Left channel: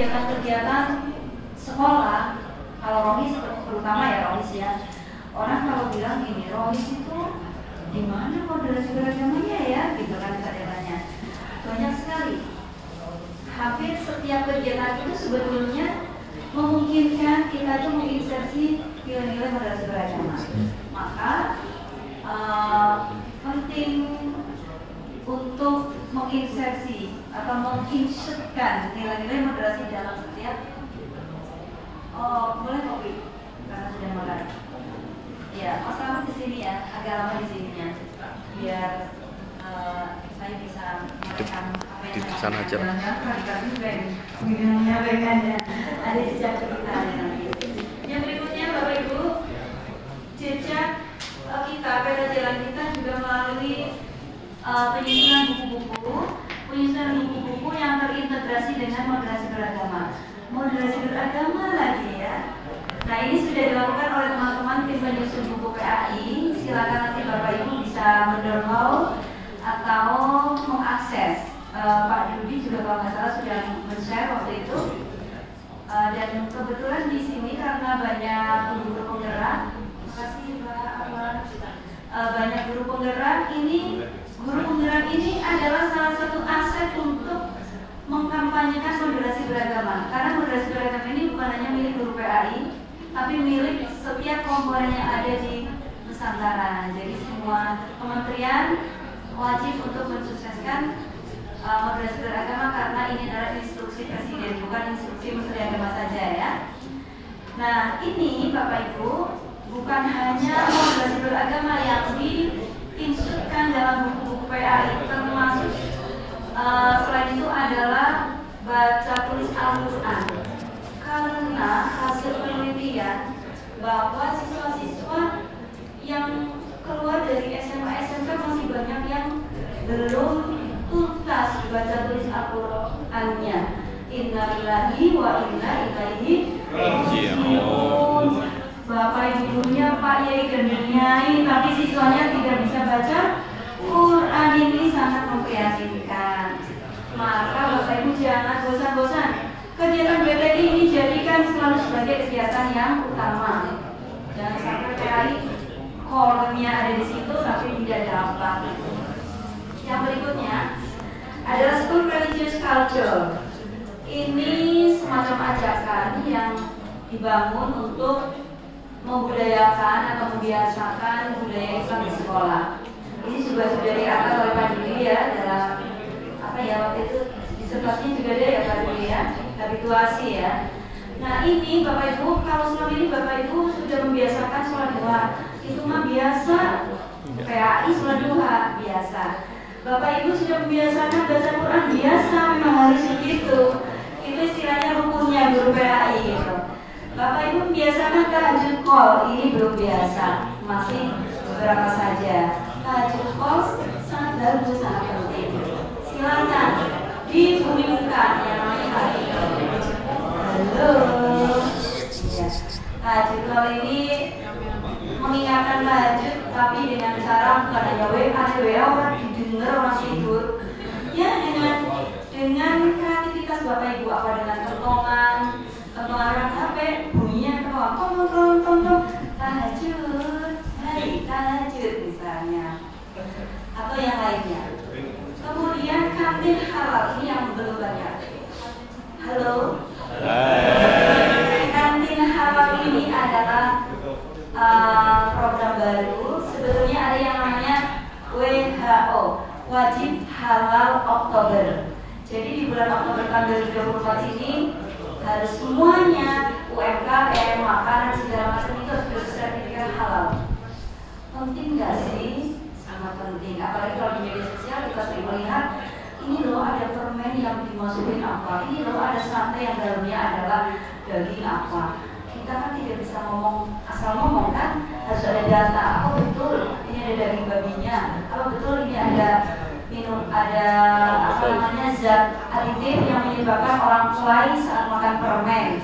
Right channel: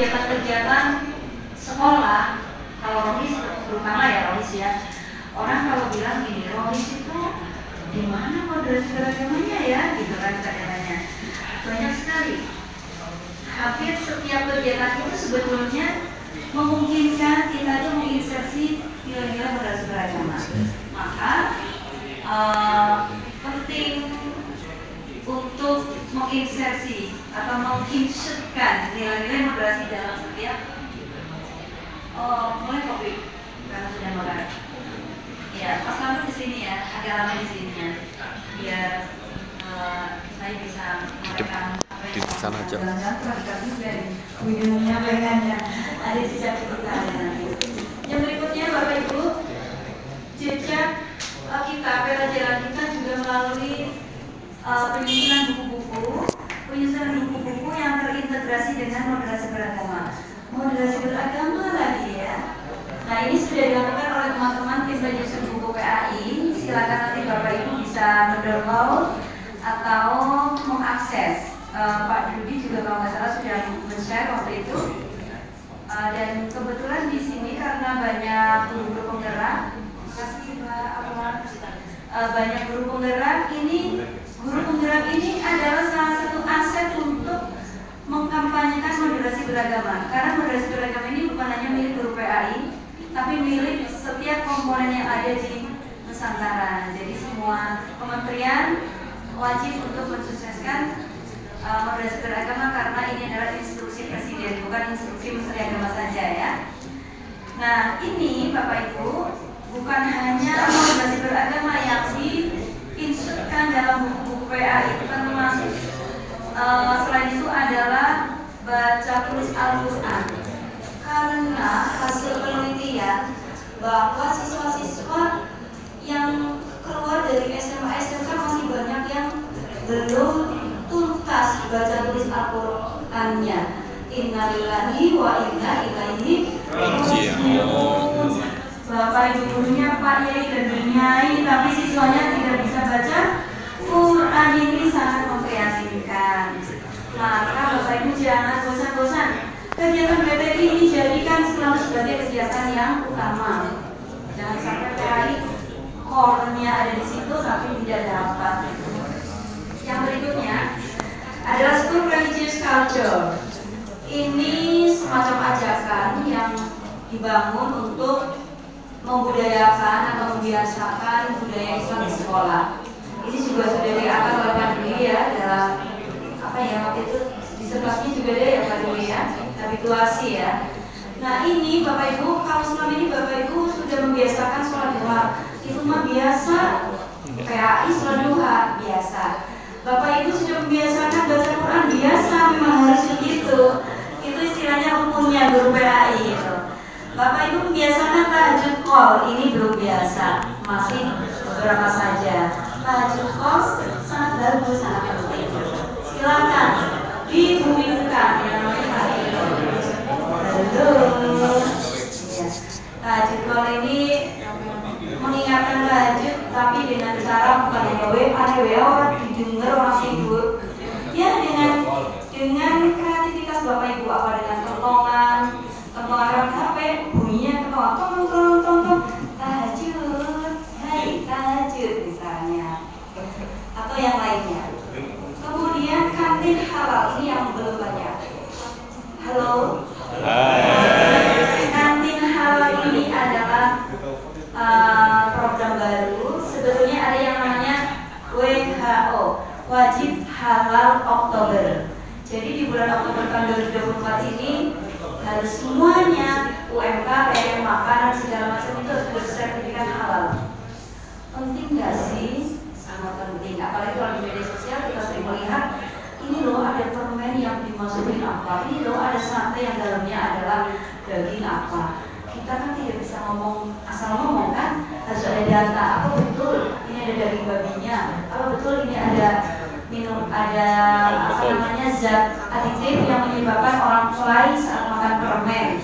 kegiatan-kegiatan sekolah, kalau Rohis terutama ya Rohis ya, orang kalau bilang gini, Rohis itu di mana moderasi beragamanya ya, gitu kan katanya. Banyak sekali. Hampir setiap kegiatan itu sebetulnya memungkinkan kita itu menginsersi nilai-nilai moderasi beragama. Maka penting untuk menginsersi atau menginsertkan nilai-nilai moderasi dalam setiap mulai kopi karena sudah makan. Ya, Mas Lalu di sini ya, agak lama di sini ya, biar saya bisa menyampaikan di sana aja. Minumnya pengennya ada jejak kita nanti. Yang berikutnya Bapak Ibu, jejak kita, peta jalan kita juga melalui penyusunan buku-buku yang terintegrasi dengan moderasi beragama. Moderasi beragama lagi ya. Nah, ini sudah dilakukan oleh teman-teman tim penyusun buku PAI. Silakan nanti Bapak Ibu bisa mendownload atau mengakses. Pak Dudi juga kalau nggak salah sudah men-share waktu itu. Dan kebetulan di sini karena banyak guru-guru penggerak, makasih Pak Ahmad. Banyak guru penggerak ini adalah salah satu aset untuk mengkampanyekan moderasi beragama. Karena moderasi beragama ini bukan hanya milik guru PAI, tapi milik setiap komponen yang ada di Nusantara. Jadi semua kementerian wajib untuk mensukseskan moderasi beragama karena ini adalah instruksi presiden, bukan instruksi menteri agama saja ya. Nah, ini Bapak Ibu bukan hanya moderasi beragama yang diinstruksikan dalam buku-buku PAI, termasuk selain itu adalah baca tulis Al-Quran. Karena hasil penelitian bahwa siswa-siswa yang keluar dari SMA SMK masih banyak yang belum tuntas baca tulis Al-Qurannya. Innalillahi wa inna ilaihi raji'un. Bapak Ibu gurunya Pak Yai dan Nyai, tapi siswanya tidak bisa baca Quran, ini sangat memprihatinkan. Maka Bapak Ibu jangan bosan-bosan. Kegiatan BTI ini jadikan selalu sebagai kegiatan yang utama. Jangan sampai PAI core-nya ada di situ tapi tidak dapat. Yang berikutnya adalah School Religious Culture. Ini semacam ajakan yang dibangun untuk membudayakan atau membiasakan budaya Islam di sekolah. Ini juga sudah diatur oleh Pak Dwi ya dalam apa ya waktu itu disertasinya juga dia ya Pak Dwi ya, habituasi ya. Nah ini Bapak Ibu, kalau selama ini Bapak Ibu sudah membiasakan sholat duha, itu mah biasa. PAI sholat duha biasa. Bapak Ibu sudah membiasakan baca Quran biasa, memang harus begitu. Itu istilahnya rukunnya guru PAI gitu. Bapak Ibu membiasakan tahajud qol, ini belum biasa, masih beberapa saja. Tahajud qol sangat bagus, sangat penting. Silakan dibumikan yang namanya tahajud qol. Ya. Tahajud qol ini mengingatkan tahajud, tapi dengan cara bukan hanya WA orang didengar orang tidur. Ya dengan kreativitas Bapak Ibu, apa dengan kentongan orang sampai bunyinya kentongan tong tahajud, hai tahajud misalnya, atau yang lainnya. Kemudian kantin halal ini yang belum banyak. Halo. Hai. Kantin halal ini adalah program baru. Sebetulnya ada yang namanya WHO, Wajib Halal Oktober. Jadi di bulan Oktober tahun 2024 ini harus semuanya UMKM, makanan segala macam itu harus bersertifikat halal. Penting nggak sih? Sangat penting. Apalagi kalau di media sosial kita sering melihat ini loh ada permen yang dimasukin apa, ini loh ada sate yang dalamnya adalah daging apa. Kita kan tidak bisa ngomong asal ngomong kan, harus ada data. Apa betul ini ada daging babinya? Apa betul ini ada apa namanya zat aditif yang menyebabkan orang fly saat makan permen.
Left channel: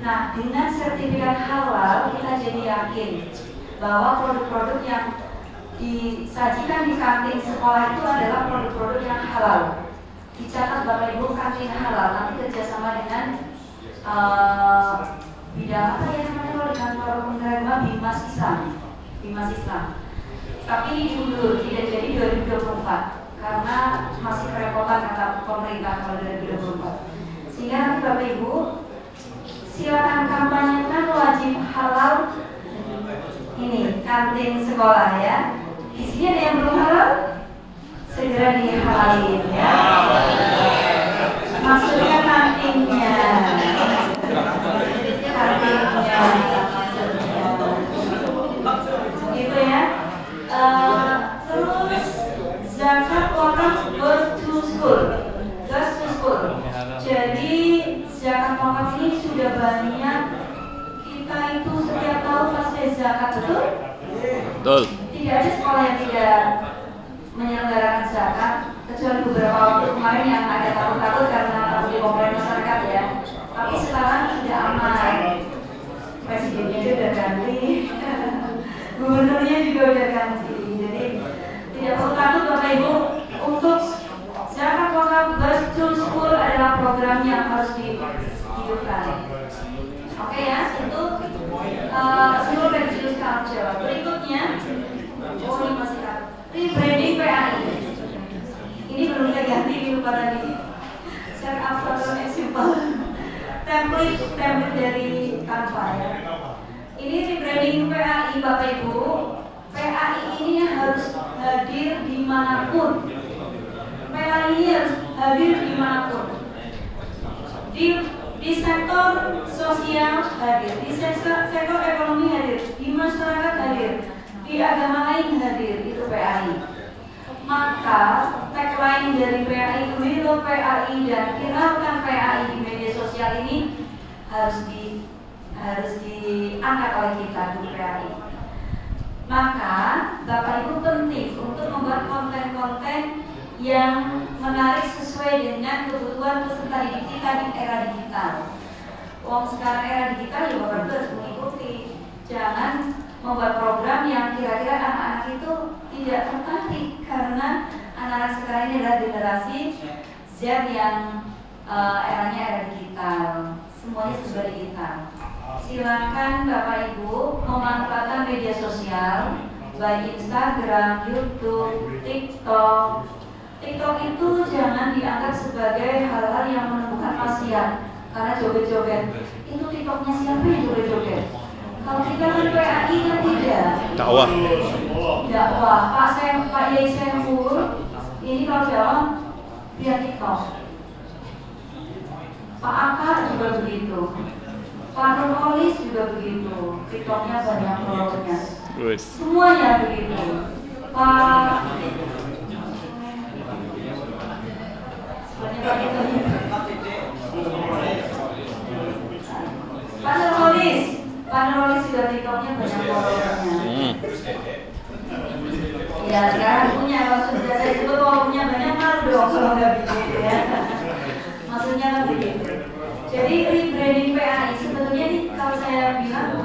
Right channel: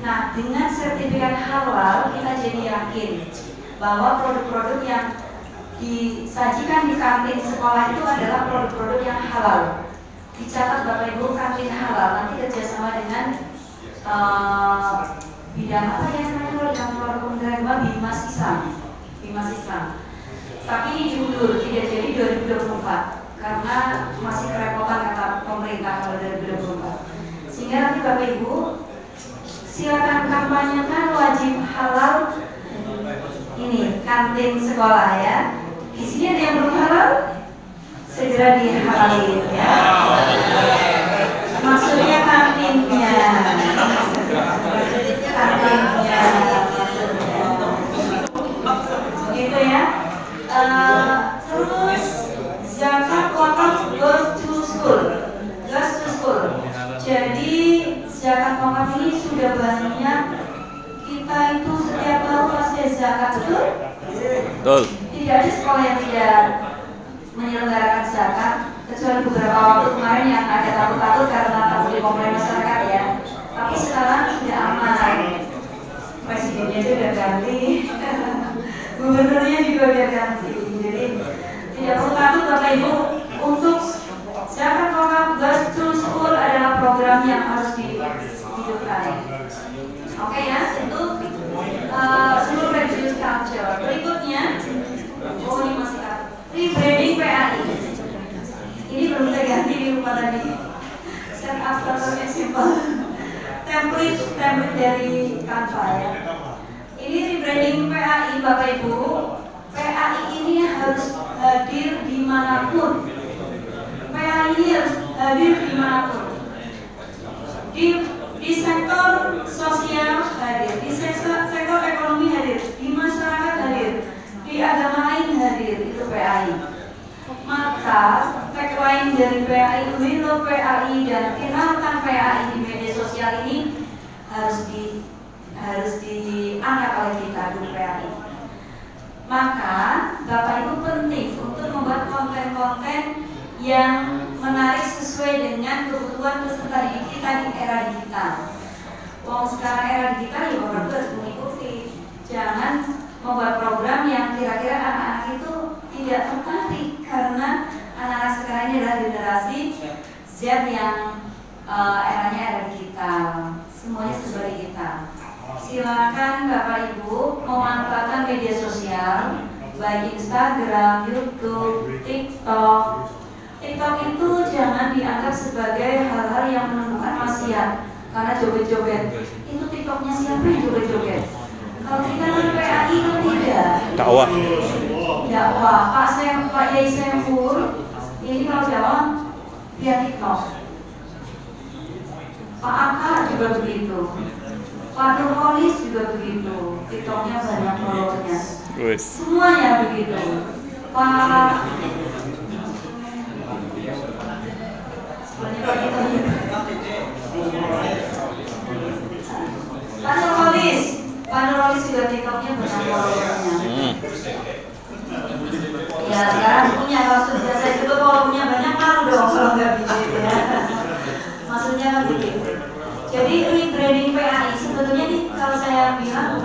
Nah, dengan sertifikat halal kita jadi yakin bahwa produk-produk yang disajikan di kantin sekolah itu adalah produk-produk yang halal, dicatat Bapak Ibu kantin halal nanti kerjasama dengan bidang apa ya namanya kalau di kantor pemerintah Bimas Islam. Tapi diundur tidak jadi 2024 karena masih kerepotan kata pemerintah kalau 2024. Sehingga nanti Bapak Ibu silakan kampanyekan wajib halal ini kantin sekolah ya. Di sini ada yang belum halal, segera dihalalin ya. Maksudnya kantinnya. Gitu ya. Terus zakat wakaf goes to school. Jadi zakat wakaf ini sudah banyak kita itu setiap tahun pasti zakat, betul? Betul. Tidak ada sekolah yang tidak menyelenggarakan zakat kecuali beberapa waktu kemarin yang ada takut-takut karena takut dikomplain masyarakat ya. Tapi sekarang sudah aman. Presidennya sudah ganti, gubernurnya juga sudah ganti. Jadi tidak perlu takut Bapak Ibu untuk zakat wakaf goes to school adalah program yang harus dihidupkan. Oke ya, itu seluruh review culture. Berikutnya, ini masih rebranding PAI. Ini belum kita ganti di lupa tadi. Set up contohnya simple. Template dari Canva ya. Ini rebranding PAI Bapak Ibu. PAI ini harus hadir dimanapun. PAI ini harus hadir dimanapun. Di sektor sosial hadir, di sektor ekonomi hadir, di masyarakat hadir, di agama lain hadir, itu PAI. Maka tagline dari PAI itu Hello PAI dan kenalkan PAI di media sosial ini harus diangkat oleh kita di PAI. Maka Bapak Ibu penting untuk membuat konten-konten yang menarik sesuai dengan kebutuhan peserta didik kita di era digital. Wong sekarang era digital ya Bapak Ibu harus mengikuti. Jangan membuat program yang kira-kira anak-anak itu tidak tertarik karena anak-anak sekarang ini adalah generasi Z yang eranya era digital. Semuanya serba digital. Silakan Bapak Ibu memanfaatkan media sosial baik Instagram, YouTube, TikTok. TikTok itu jangan dianggap sebagai hal-hal yang menumbuhkan maksiat karena joget-joget. Itu TikToknya siapa yang joget-joget? Kalau kita kan PAI kan tidak. Dakwah. Pak Yai Saiful ini kalau dakwah via TikTok. Pak Aka juga begitu. Pak Nurholis juga begitu. TikToknya banyak followernya. Semuanya begitu. Pak Nurholis juga TikToknya banyak followernya. Ya sekarang punya, kalau sudah saya sebut kalau punya banyak malu dong kalau nggak begitu ya. Maksudnya kan begitu. Jadi rebranding PAI sebetulnya nih kalau saya bilang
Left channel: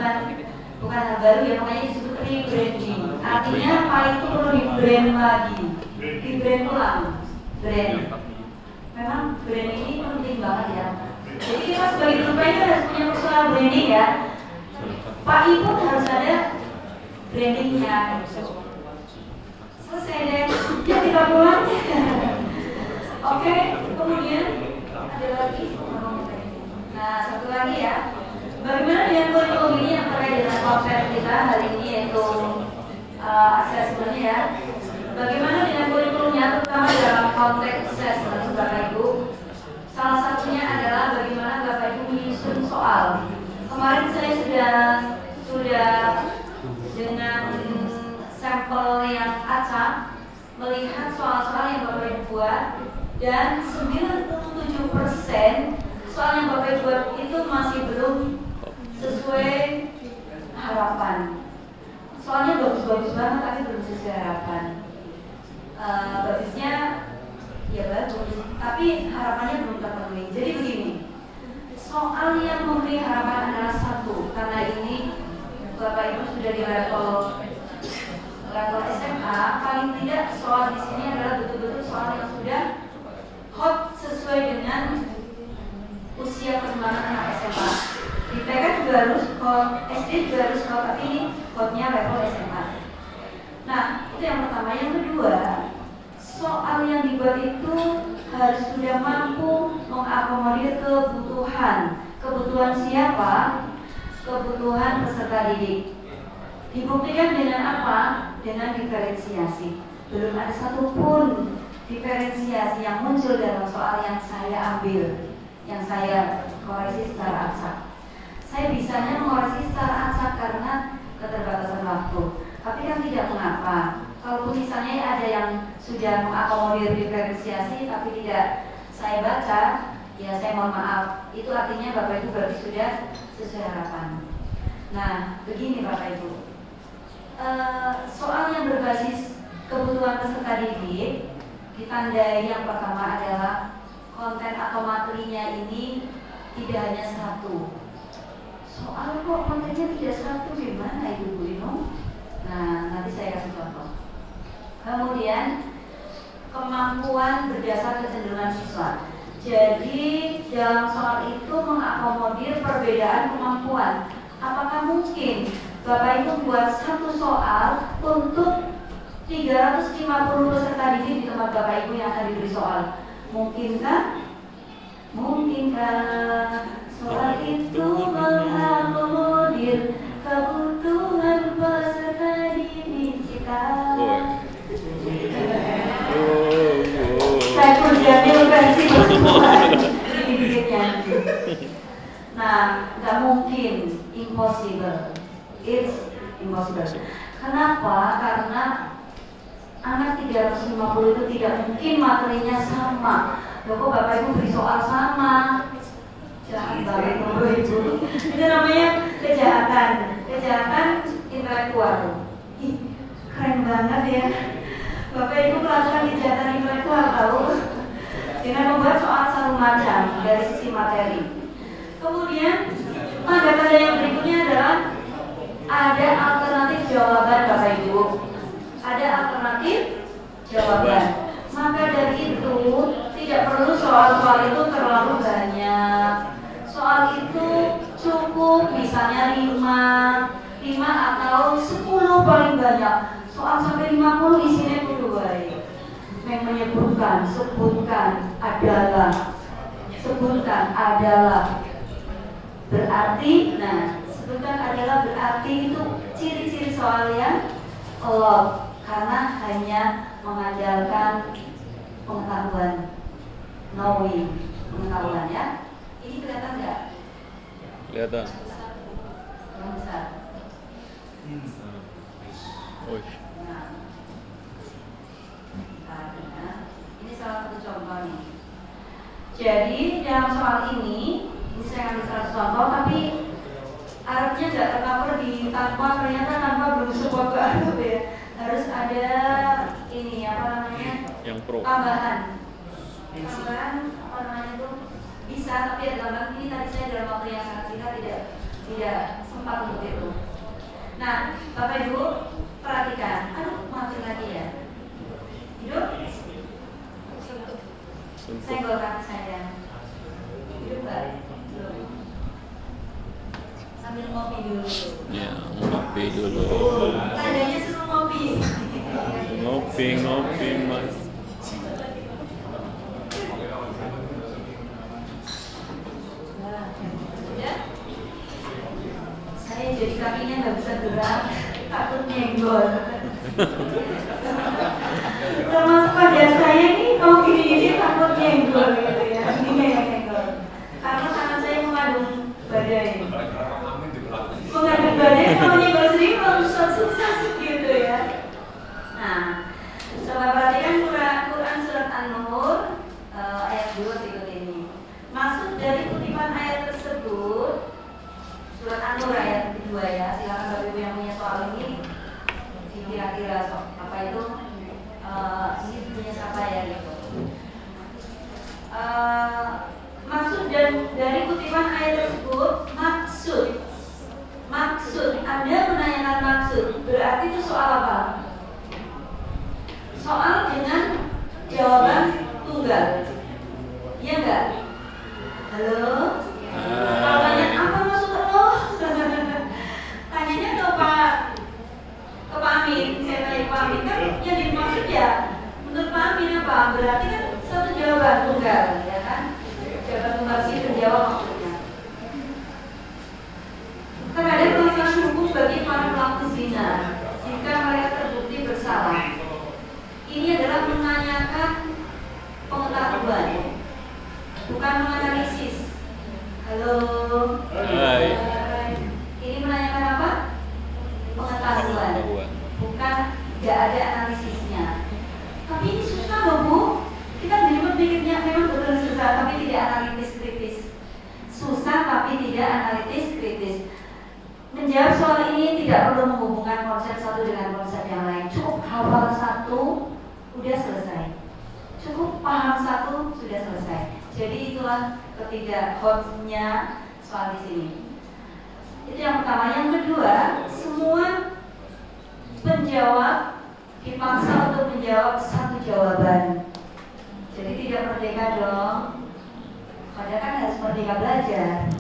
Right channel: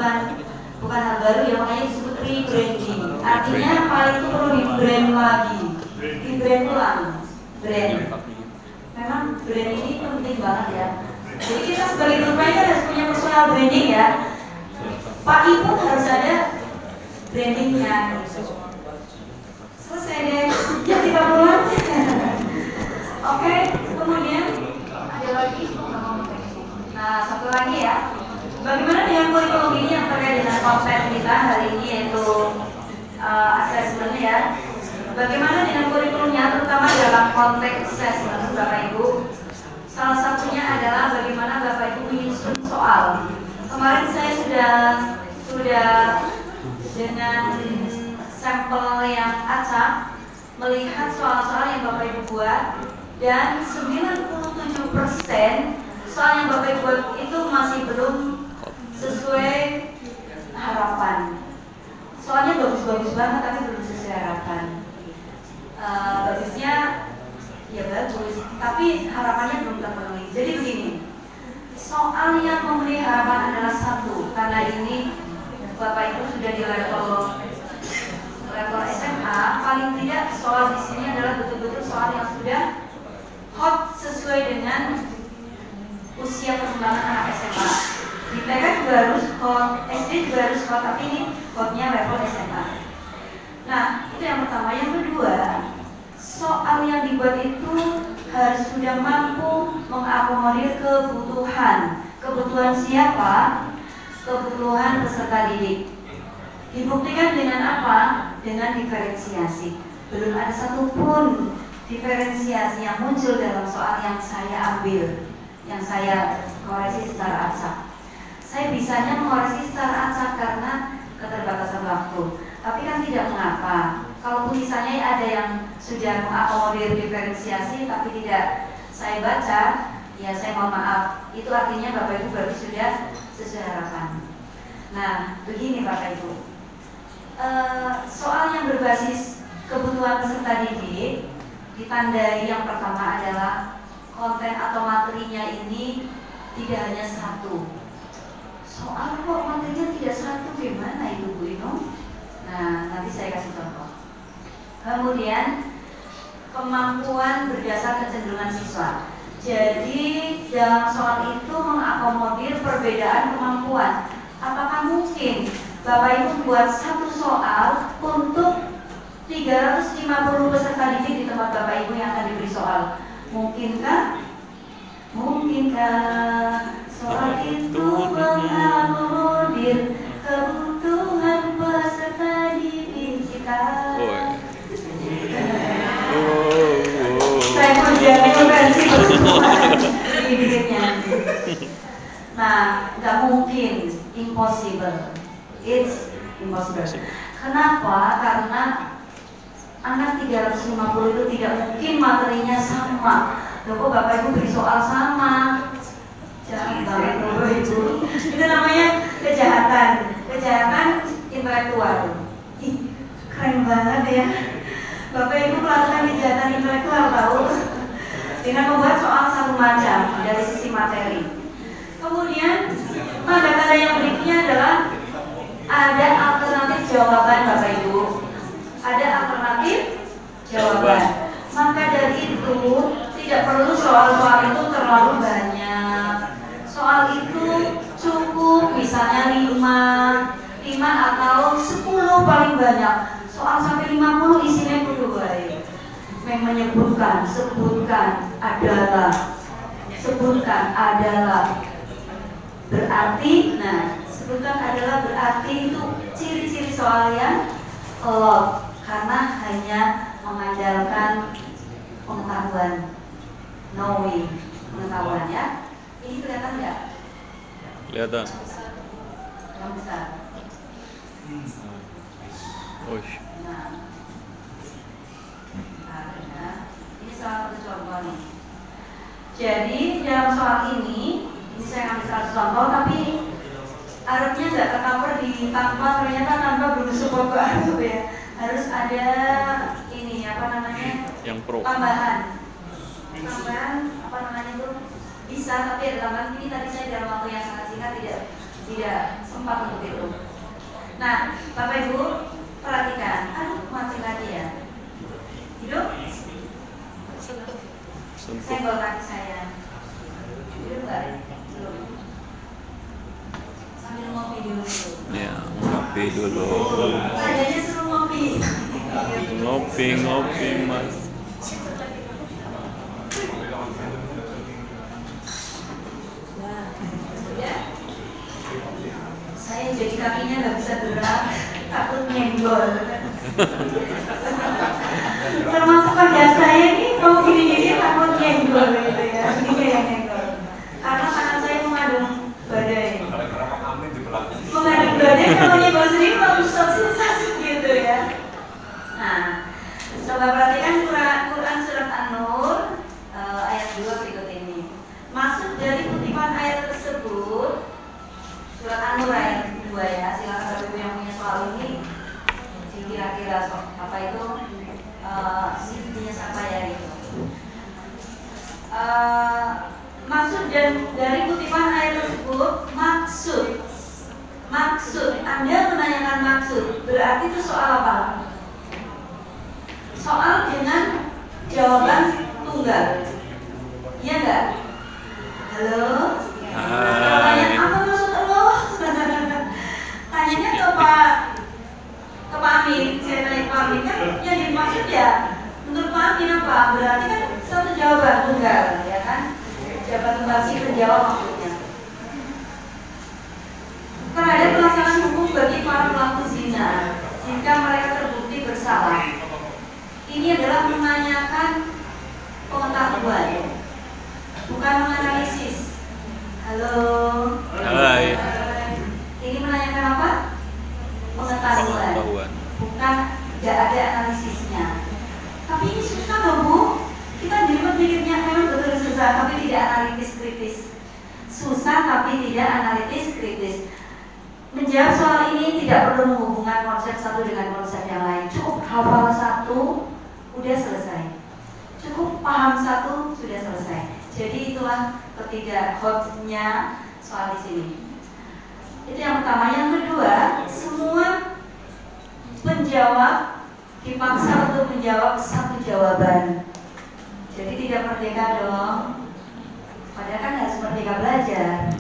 bukan hal baru ya, makanya disebut rebranding. Artinya PAI itu perlu di-brand lagi, di-brand ulang, brand. Memang brand ini penting banget ya. Jadi kita sebagai guru PAI harus punya personal branding ya. PAI pun harus ada brandingnya. Selesai deh, ya kita pulang. Oke, kemudian ada lagi. Nah, satu lagi ya. Bagaimana dengan kurikulum ini yang terkait dengan konten kita hari ini yaitu assessment ya. Bagaimana dengan kurikulumnya terutama dalam konteks assessment Bapak Ibu? Salah satunya adalah bagaimana Bapak Ibu menyusun soal. Kemarin saya sudah dengan sampel yang acak melihat soal-soal yang Bapak Ibu buat dan 97% soal yang Bapak Ibu buat itu masih belum sesuai harapan. Soalnya bagus-bagus banget tapi belum sesuai harapan. Bagusnya ya bagus, tapi harapannya belum terpenuhi. Jadi begini, soal yang memenuhi harapan adalah satu, karena ini Bapak Ibu sudah di level SMA, paling tidak soal di sini adalah betul-betul soal yang sudah hot sesuai dengan usia perkembangan anak SMA. Di TK juga harus kod, SD juga harus kod, tapi ini kodnya level SMA. Nah, itu yang pertama. Yang kedua, soal yang dibuat itu harus sudah mampu mengakomodir kebutuhan. Kebutuhan siapa? Kebutuhan peserta didik. Dibuktikan dengan apa? Dengan diferensiasi. Belum ada satupun diferensiasi yang muncul dalam soal yang saya ambil, yang saya koreksi secara acak. Saya bisanya mengoreksi secara acak karena keterbatasan waktu. Tapi kan tidak mengapa. Kalau misalnya ada yang sudah mengakomodir diferensiasi tapi tidak saya baca, ya saya mohon maaf. Itu artinya Bapak Ibu berarti sudah sesuai harapan. Nah, begini Bapak Ibu. Soal yang berbasis kebutuhan peserta didik ditandai yang pertama adalah konten atau materinya ini tidak hanya satu. Soal kok kontennya tidak satu, gimana Ibu Bu Ino? Nah, nanti saya kasih contoh. Kemudian kemampuan berdasar kecenderungan siswa. Jadi dalam soal itu mengakomodir perbedaan kemampuan. Apakah mungkin Bapak Ibu buat satu soal untuk 350 peserta didik di tempat Bapak Ibu yang akan diberi soal? Mungkinkah? Mungkinkah soal itu mengakomodir kebutuhan peserta didik kita? Saya kerjanya bukan sih didiknya. Nah, nggak mungkin, impossible. It's impossible. Kenapa? Karena anak 350 itu tidak mungkin materinya sama. Loh, Bapak Ibu beri soal sama. Jangan banget itu. Itu namanya kejahatan. Kejahatan intelektual. Ih, keren banget ya. Bapak Ibu melakukan kejahatan intelektual tahu? Dengan membuat soal satu macam dari sisi materi. Kemudian tanda-tanda yang berikutnya adalah ada alternatif jawaban Bapak Ibu. Ada alternatif jawaban. Maka dari itu tidak perlu soal-soal itu terlalu banyak. Soal itu cukup misalnya 5 atau 10 paling banyak. Soal sampai 50 isinya kudu baik. Yang menyebutkan, sebutkan adalah berarti, nah sebutkan adalah berarti itu ciri-ciri soal yang lot karena hanya mengandalkan pengetahuan, knowing, pengetahuan ya. Ini kelihatan nggak? Kelihatan. Yang besar. Oh. Nah, ini salah satu contoh nih. Jadi dalam soal ini saya ambil satu contoh, tapi Arabnya nggak tercover di tanpa, ternyata tanpa belum sebuah Arab ya. Harus ada ini apa namanya? Yang pro. Tambahan apa namanya itu bisa, tapi ada tambahan ini tadi saya dalam waktu yang sangat singkat tidak sempat untuk itu. Nah, Bapak Ibu perhatikan. Aduh, mati lagi ya. Hidup. Saya bawa kaki saya. Hidup nggak? Belum. Sambil ngopi dulu. Ya, ngopi dulu. Tadinya suruh ngopi. Ngopi, Mas. Nah, ya. Saya jadi kakinya nggak bisa gerak, takut nyenggol. Termasuk pada saya ini kalau gini-gini takut nyenggol gitu ya. Ini yang nyenggol. Karena tangan saya mengandung badai. Mengandung badai kalau nyenggol sendiri kalau susah gitu ya. Nah, coba perhatikan Quran surat An-Nur ayat 2 berikut ini. Maksud dari kutipan ayat tersebut surat An-Nur ayat 2 ya. Silakan Bapak Ibu yang punya soal ini kira-kira apa itu ini punya siapa ya gitu. Maksud dari kutipan ayat tersebut maksud Anda menanyakan maksud berarti itu soal apa? Soal dengan jawaban tunggal Iya nggak? Halo? Hai. Tanya apa maksud lo? Tanyanya ke Pak Amin. Saya tanya ke Pak Amin kan yang dimaksud ya menurut Pak Amin apa? Berarti kan satu jawaban tunggal, ya kan? Jawaban tunggal sih menjawab maksudnya. Terhadap pelaksanaan hukum bagi para pelaku zina jika mereka terbukti bersalah. Ini adalah menanyakan pengetahuan, bukan menganalisis. Halo. Hai. Ini menanyakan apa? Pengetahuan. Bukan tidak ada analisisnya. Tapi ini susah loh Bu. Kita mikirnya memang betul susah, tapi tidak analitis kritis. Susah tapi tidak analitis kritis. Menjawab soal ini tidak perlu menghubungkan konsep satu dengan konsep yang lain. Cukup hafal satu, udah selesai. Cukup paham satu, sudah selesai. Jadi itulah ketiga hotnya soal di sini. Itu yang pertama. Yang kedua, semua penjawab dipaksa untuk menjawab satu jawaban. Jadi tidak merdeka dong. Padahal kan harus merdeka belajar.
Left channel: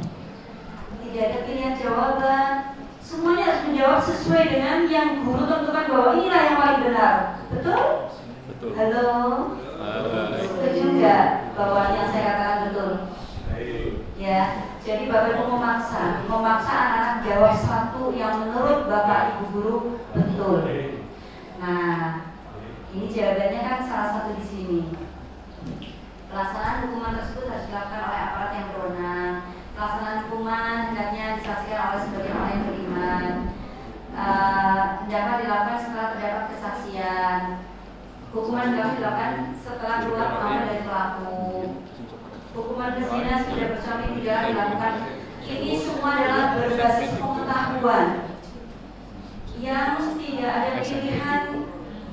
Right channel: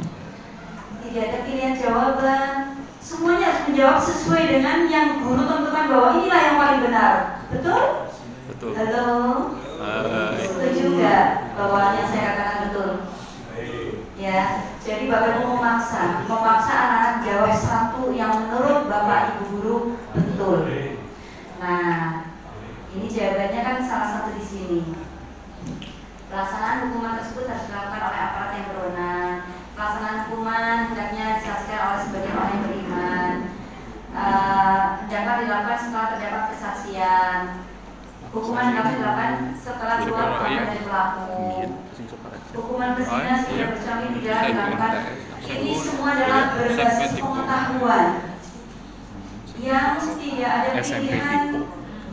Tidak ada pilihan jawaban. Semuanya harus menjawab sesuai dengan yang guru tentukan bahwa inilah yang paling benar. Betul? Betul. Halo. Hai. Setuju nggak bahwa yang saya katakan betul? Ya, jadi Bapak Ibu memaksa anak-anak jawab satu yang menurut Bapak Ibu guru betul. Nah, ini jawabannya kan salah satu di sini. Pelaksanaan hukuman tersebut harus dilakukan oleh aparat yang berwenang. Pelaksanaan hukuman hendaknya disaksikan oleh sebagian orang yang beriman. Hendaknya dilakukan setelah terdapat kesaksian. Hukuman dapat dilakukan setelah keluar korban dari pelaku. Hukuman berzina sudah bersuami tidak dilakukan. Ini semua adalah berbasis pengetahuan yang tidak ada pilihan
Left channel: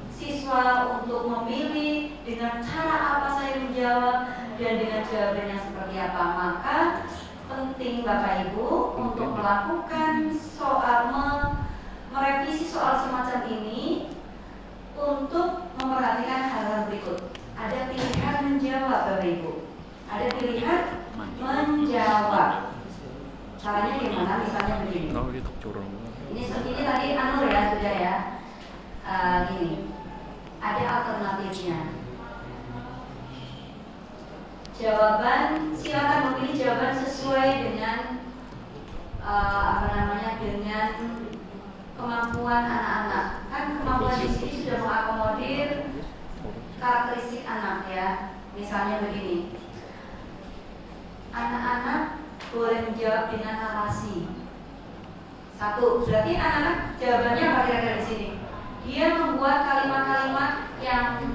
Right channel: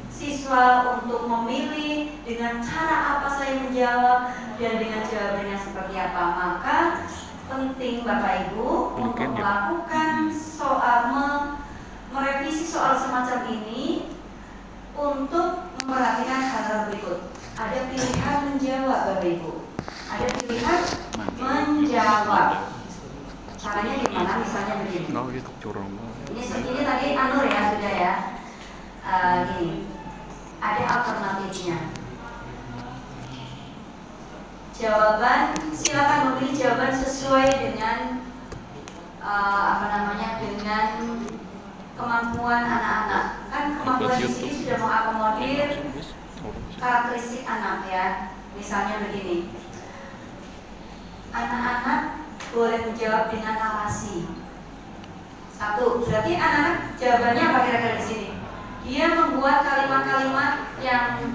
siswa untuk memilih dengan cara apa saya menjawab dan dengan jawabannya seperti apa. Maka penting Bapak Ibu untuk melakukan merevisi soal semacam ini untuk memperhatikan hal-hal berikut. Ada pilihan menjawab Bapak Ibu. Ada pilihan menjawab. Caranya gimana? Misalnya begini. Ini tadi Anur ya sudah ya. Gini. Ada alternatifnya. Jawaban silakan memilih jawaban sesuai dengan dengan kemampuan anak-anak. Kan kemampuan di sini sudah mengakomodir karakteristik anak ya. Misalnya begini. Anak-anak boleh menjawab dengan narasi. Satu, berarti anak-anak jawabannya apa kira-kira di sini? Dia membuat kalimat-kalimat yang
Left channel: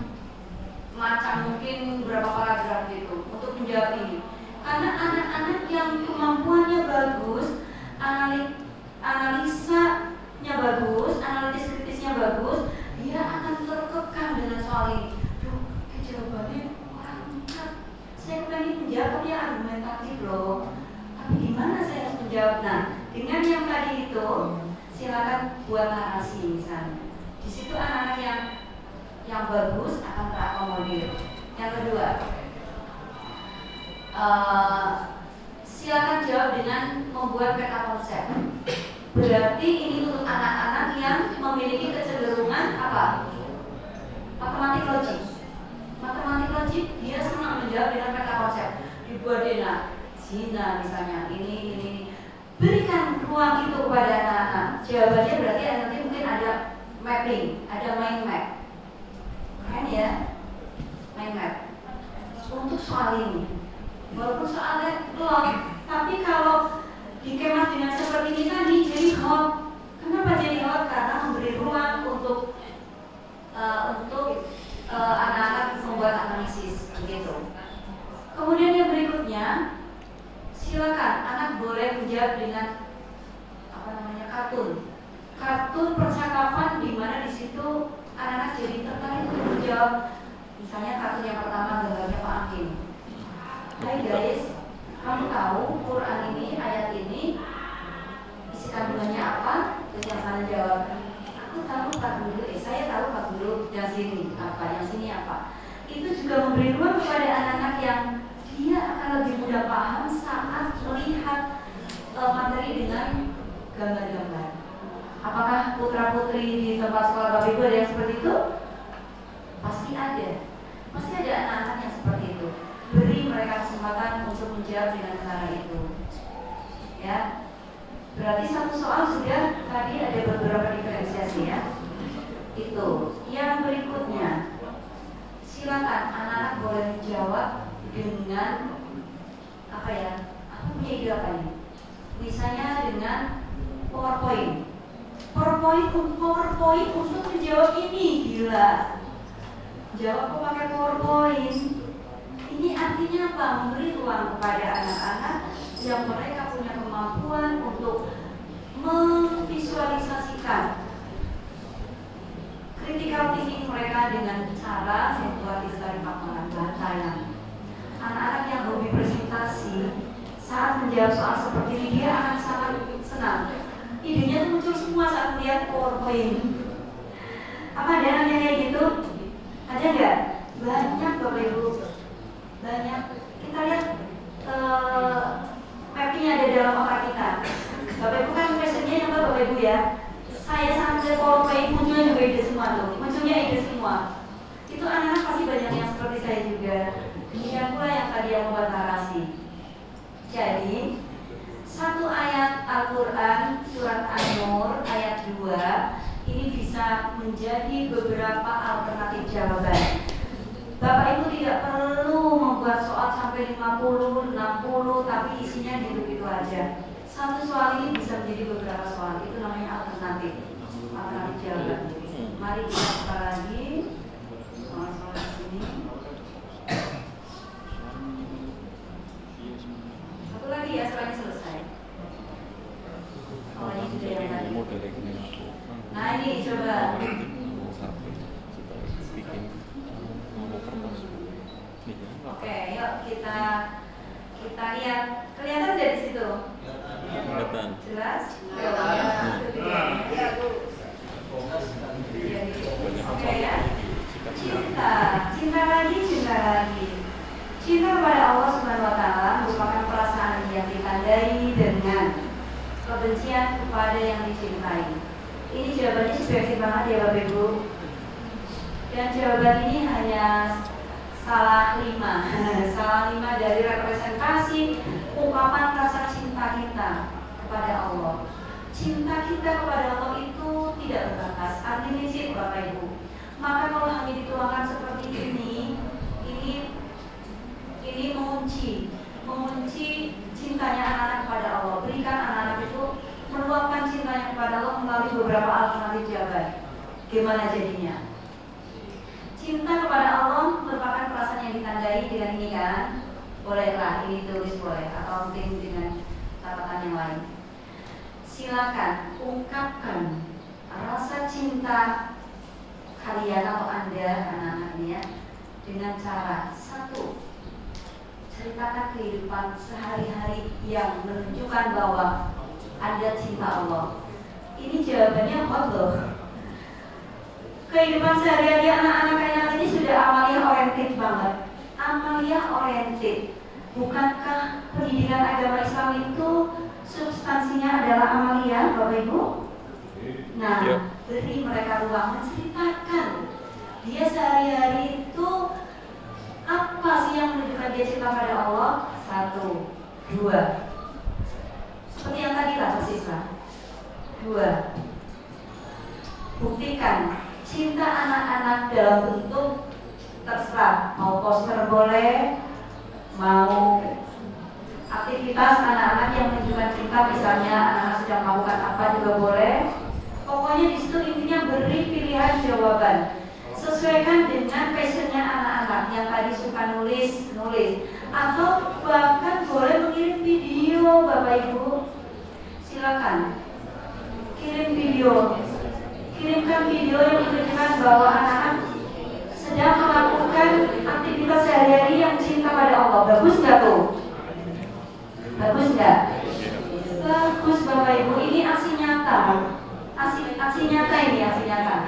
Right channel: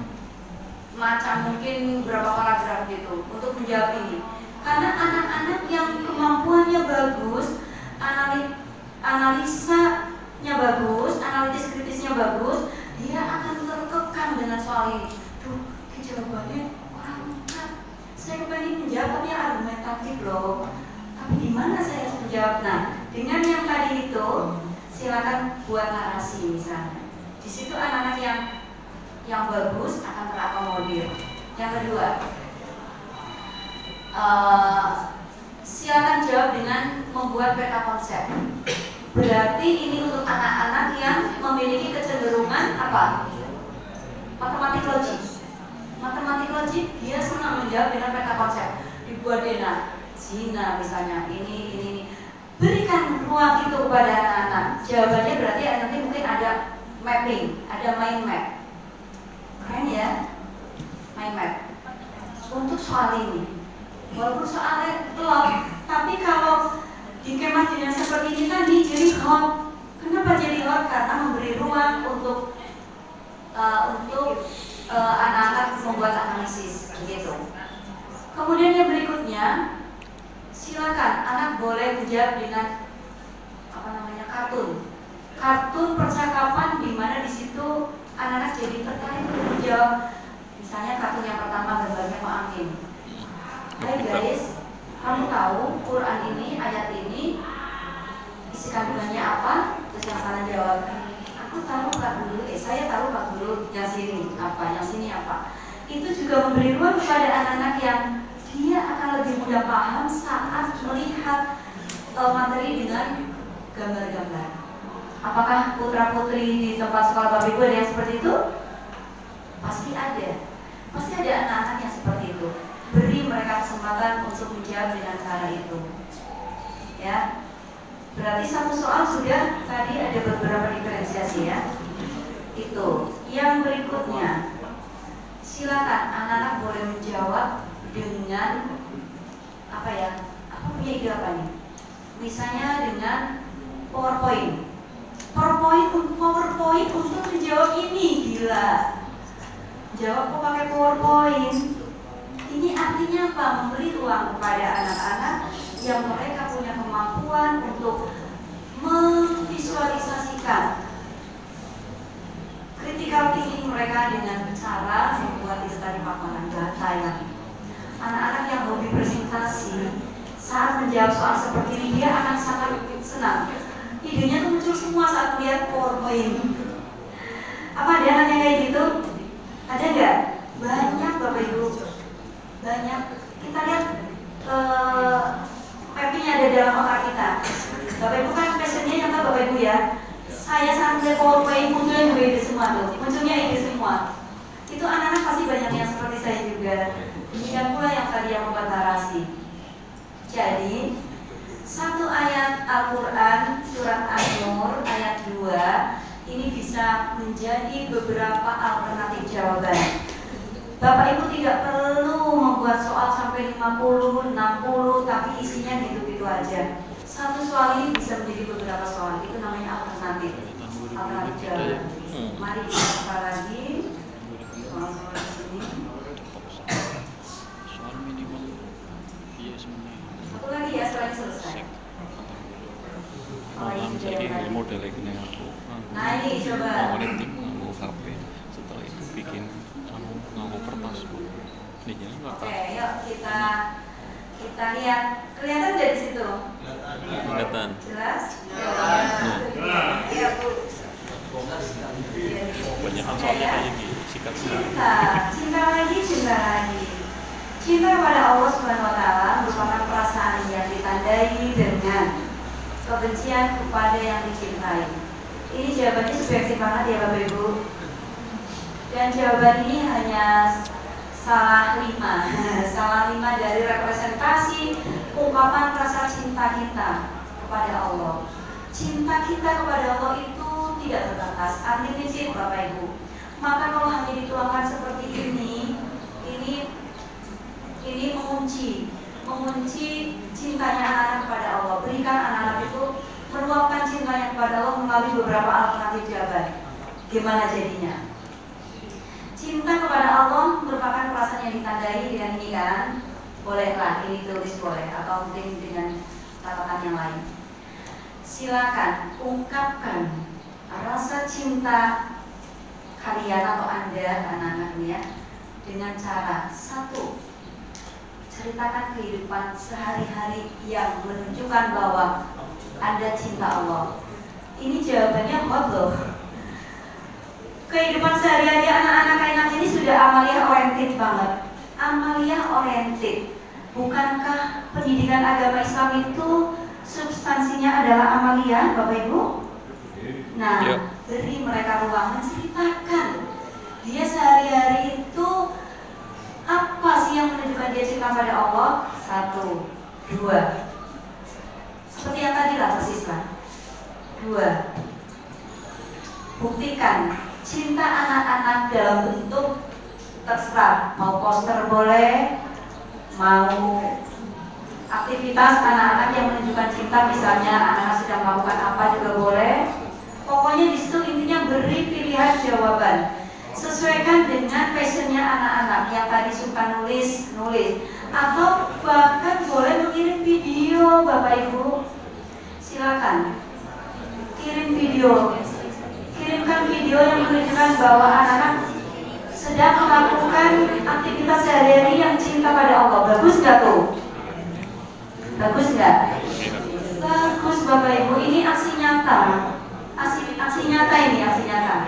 macam mungkin berapa paragraf gitu untuk menjawab ini. Karena anak-anak yang kemampuannya bagus, analisanya bagus, analitis kritisnya bagus, dia akan terkekang dengan soal ini. Duh, jawabannya orang ucap. Saya pengen menjawab tapi argumentatif loh. Tapi gimana saya harus menjawab? Nah, dengan yang tadi itu, silakan buat narasi misalnya. Di situ anak-anak yang bagus akan terakomodir. Yang kedua, silakan jawab dengan membuat peta konsep. Berarti ini untuk anak-anak yang memiliki kecenderungan apa? Matematik logik. Matematik logik dia senang menjawab dengan peta konsep. Dibuat dena, zina misalnya, ini. Berikan ruang itu kepada anak-anak. Jawabannya berarti nanti mungkin ada mapping, ada mind map. Keren ya? Mind map. Untuk soal ini. Walaupun soalnya belum, tapi kalau di kemah dengan seperti ini tadi jadi hot. Kenapa jadi hot? Karena memberi ruang untuk anak-anak membuat analisis begitu. Kemudian yang berikutnya, silakan anak boleh menjawab dengan kartun. Kartun percakapan di mana di situ anak-anak jadi tertarik untuk menjawab. Misalnya kartun yang pertama gambarnya Pak Amin. Hai guys, kamu tahu Quran ini, ayat ini isi kandungannya apa? Terus yang salah jawab, aku tahu Pak Guru, saya tahu Pak Guru, yang sini apa, yang sini apa. Itu juga memberi ruang kepada anak-anak yang dia materi dengan gambar-gambar. Apakah putra-putri di tempat sekolah Bapak Ibu ada yang seperti itu? Pasti ada. Pasti ada anak-anak yang seperti itu. Beri mereka kesempatan untuk menjawab dengan cara itu. Ya. Berarti satu soal sudah tadi ada beberapa diferensiasi ya. Itu. Yang berikutnya, silakan anak-anak boleh menjawab dengan apa ya? Apa punya ide apa nih? Misalnya dengan PowerPoint. PowerPoint untuk menjawab ini, gila. Jawab kok pakai PowerPoint. Ini artinya apa? Memberi ruang kepada anak-anak yang mereka punya kemampuan untuk memvisualisasikan critical thinking mereka dengan cara membuat istilah paparan data yang anak-anak yang hobi presentasi saat menjawab soal seperti ini dia akan sangat senang. Idenya tuh muncul semua saat melihat PowerPoint. Apa ada anak yang kayak gitu? Ada nggak? Banyak Bapak Ibu. Banyak. Kita lihat mappingnya ada dalam otak kita. Bapak Ibu kan passionnya yang Bapak Ibu ya. Saya sambil PowerPoint munculnya juga ide semua tuh. Munculnya ide semua. Itu anak-anak pasti banyak yang seperti saya juga. Demikian pula yang tadi aku narasi. Jadi satu ayat Al-Quran surat An-Nur ayat 2 ini bisa menjadi beberapa alternatif jawaban. Bapak Ibu tidak perlu membuat soal sampai 50, 60 tapi isinya gitu-gitu aja. Satu soal ini bisa menjadi beberapa soal. Itu namanya alternatif jawaban. Mari kita buka lagi soal-soal di sini. Satu lagi ya, soalnya selesai. Model ini aku. Nah ini coba. Mau HP. Setelah itu bikin mau kertas. Oke, yuk kita lihat. Kelihatan dari situ? Kelihatan. Jelas? Banyak soalnya sikat. Cinta lagi. Cinta pada Allah Subhanahu wa Ta'ala merupakan perasaan yang ditandai dengan kebencian kepada yang dicintai. Ini jawabannya subjektif banget ya Bapak Ibu. Dan jawaban ini hanya salah 5 dari representasi ungkapan rasa cinta kita kepada Allah. Cinta kita kepada Allah itu tidak terbatas, unlimited Bapak Ibu. Maka kalau hanya dituangkan seperti ini mengunci cintanya anak-anak kepada Allah. Berikan anak-anak itu meluapkan cintanya kepada Allah melalui beberapa alternatif jawaban. Gimana jadinya? Cinta kepada Allah merupakan perasaan yang ditandai dengan ini kan? Bolehlah, ini tulis boleh atau mungkin dengan catatan yang lain. Silakan ungkapkan rasa cinta kalian atau Anda anak-anak ini ya dengan cara satu, ceritakan kehidupan sehari-hari yang menunjukkan bahwa Anda cinta Allah. Ini jawabannya hot loh. Kehidupan sehari-hari anak-anak kalian ini sudah amaliyah oriented banget. Amaliyah oriented. Bukankah pendidikan agama Islam itu substansinya adalah amaliyah, Bapak Ibu? Nah, beri mereka ruang menceritakan dia sehari-hari itu apa sih yang menunjukkan dia cinta pada Allah? 1, 2. Seperti yang tadi lah persis kan? 2. Buktikan cinta anak-anak dalam bentuk terserah, mau poster boleh, mau aktivitas anak-anak yang menunjukkan cinta, misalnya anak-anak sedang melakukan apa juga boleh. Pokoknya di situ intinya beri pilihan jawaban. Sesuaikan dengan passionnya anak-anak yang tadi suka nulis, atau bahkan boleh mengirim video, Bapak Ibu. Silakan kirim video. Kirimkan video yang menunjukkan bahwa anak-anak sedang melakukan aktivitas sehari-hari yang cinta pada Allah. Bagus nggak tuh? Bagus nggak? Bagus Bapak Ibu. Ini aksi nyata. Aksi nyata ini, aksi nyata.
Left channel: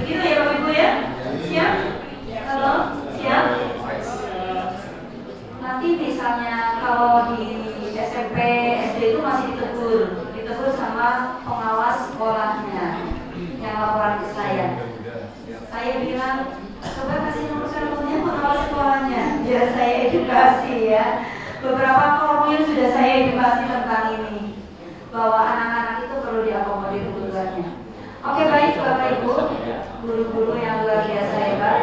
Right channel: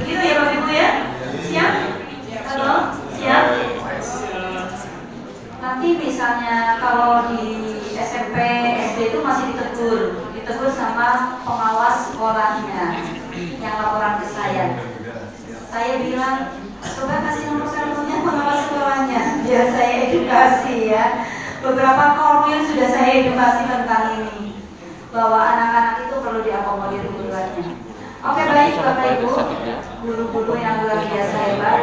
Begitu ya Bapak Ibu ya? Siap? Halo? Siap? Nanti misalnya kalau di SMP, SD itu masih ditegur ditegur sama pengawas sekolahnya yang laporan ke saya. Saya bilang, coba kasih nomor teleponnya pengawas sekolahnya, biar saya edukasi ya. Beberapa formil sudah saya edukasi tentang ini, bahwa anak-anak itu perlu diakomodir kebutuhannya. Oke, baik Bapak Ibu, guru-guru yang luar biasa hebat.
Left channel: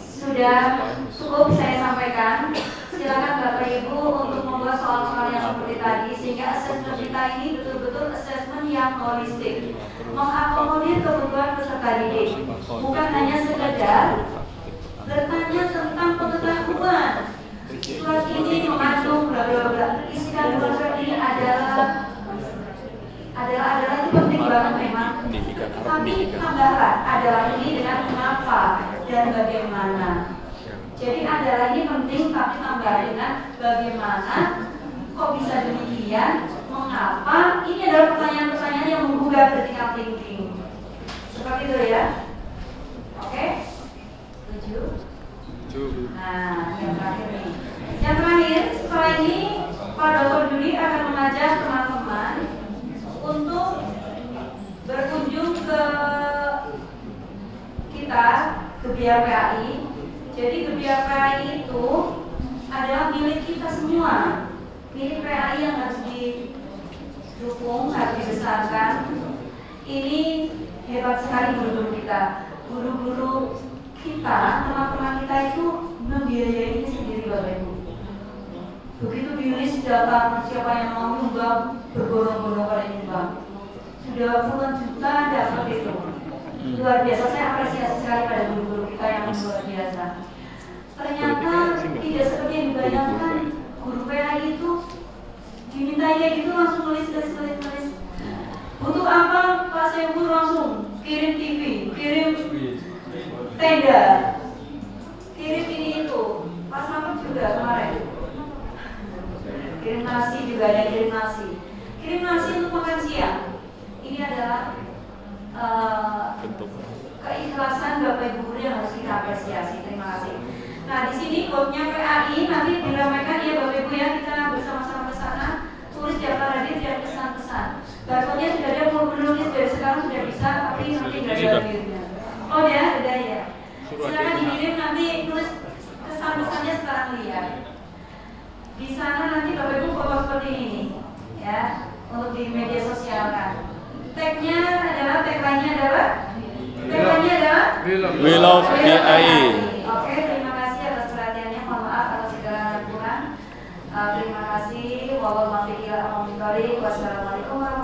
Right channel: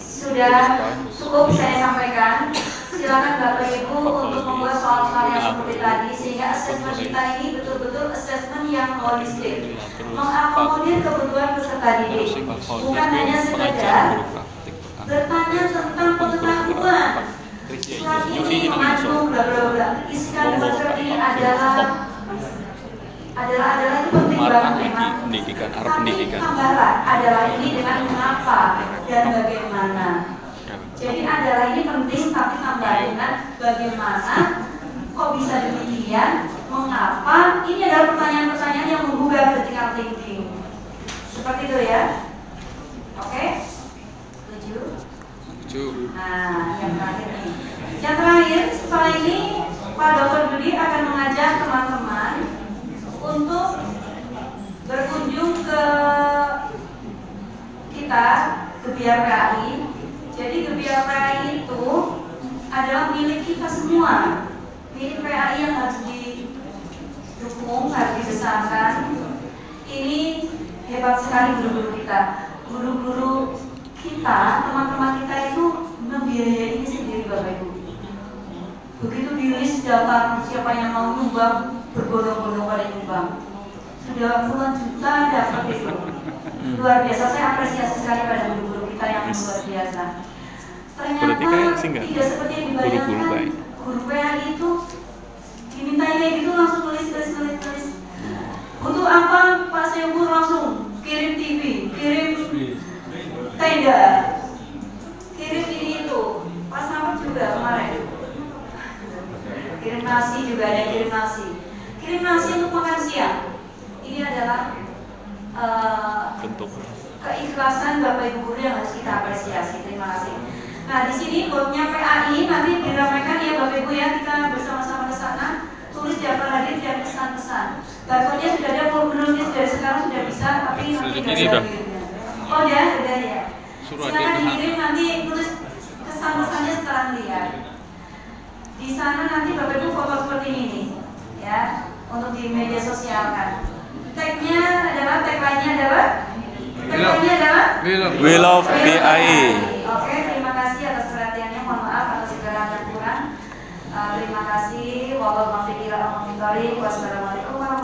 Sudah cukup saya sampaikan. Silakan Bapak Ibu untuk membuat soal-soal yang seperti tadi, sehingga asesmen kita ini betul-betul asesmen yang holistik, mengakomodir kebutuhan peserta didik, bukan hanya sekedar bertanya tentang pengetahuan. Surat ini mengandung bla bla bla. Isi kandungan surat ini adalah itu penting banget memang. Tapi tambahan adalah ini dengan mengapa dan bagaimana. Jadi adalah ini penting, tapi tambah dengan bagaimana, kok bisa demikian, mengapa. Ini adalah pertanyaan-pertanyaan yang menggugah critical thinking. Seperti itu ya. Oke? Setuju? Nah, yang terakhir nih. Yang terakhir, setelah ini Pak Dr. Dudi akan mengajak teman-teman untuk berkunjung ke kita, ke BRKI. Jadi Gebiar PAI itu adalah milik kita semua, milik PAI yang harus didukung, harus dibesarkan. Ini hebat sekali guru-guru kita. Guru-guru kita, teman-teman kita itu membiayai ini sendiri Bapak Ibu. Begitu dirilis datang siapa yang mau nyumbang, berbondong-bondong pada nyumbang. Sudah puluhan juta dapat itu. Luar biasa, saya apresiasi sekali pada guru-guru kita yang luar biasa. Ternyata tidak seperti yang dibayangkan. Guru PAI itu diminta kayak gitu langsung tulis. Untuk apa Pak Sembur langsung kirim TV, kirim tenda, kirim ini itu. Pak Selamat juga kemarin kirim nasi juga ada, kirim nasi untuk makan siang. Ini adalah bentuk keikhlasan Bapak Ibu guru yang harus kita apresiasi. Terima kasih. Nah, di sini kodenya PAI nanti diramaikan ya Bapak Ibu ya, kita bersama-sama ke sana. Tulis daftar hadir dan pesan-pesan. Barcode-nya sudah ada, belum dari sekarang sudah bisa, tapi nanti tidak ada. Oh ya, sudah ya. Silakan dikirim, nanti tulis pesan-pesannya setelah lihat. Di sana nanti Bapak Ibu foto seperti ini ya, untuk di media sosial kan. Tagnya adalah, tagline-nya adalah We love BAI. Oke, terima kasih atas perhatiannya. Mohon maaf atas segala yang kurang. Terima kasih. Wassalamualaikum warahmatullahi wabarakatuh.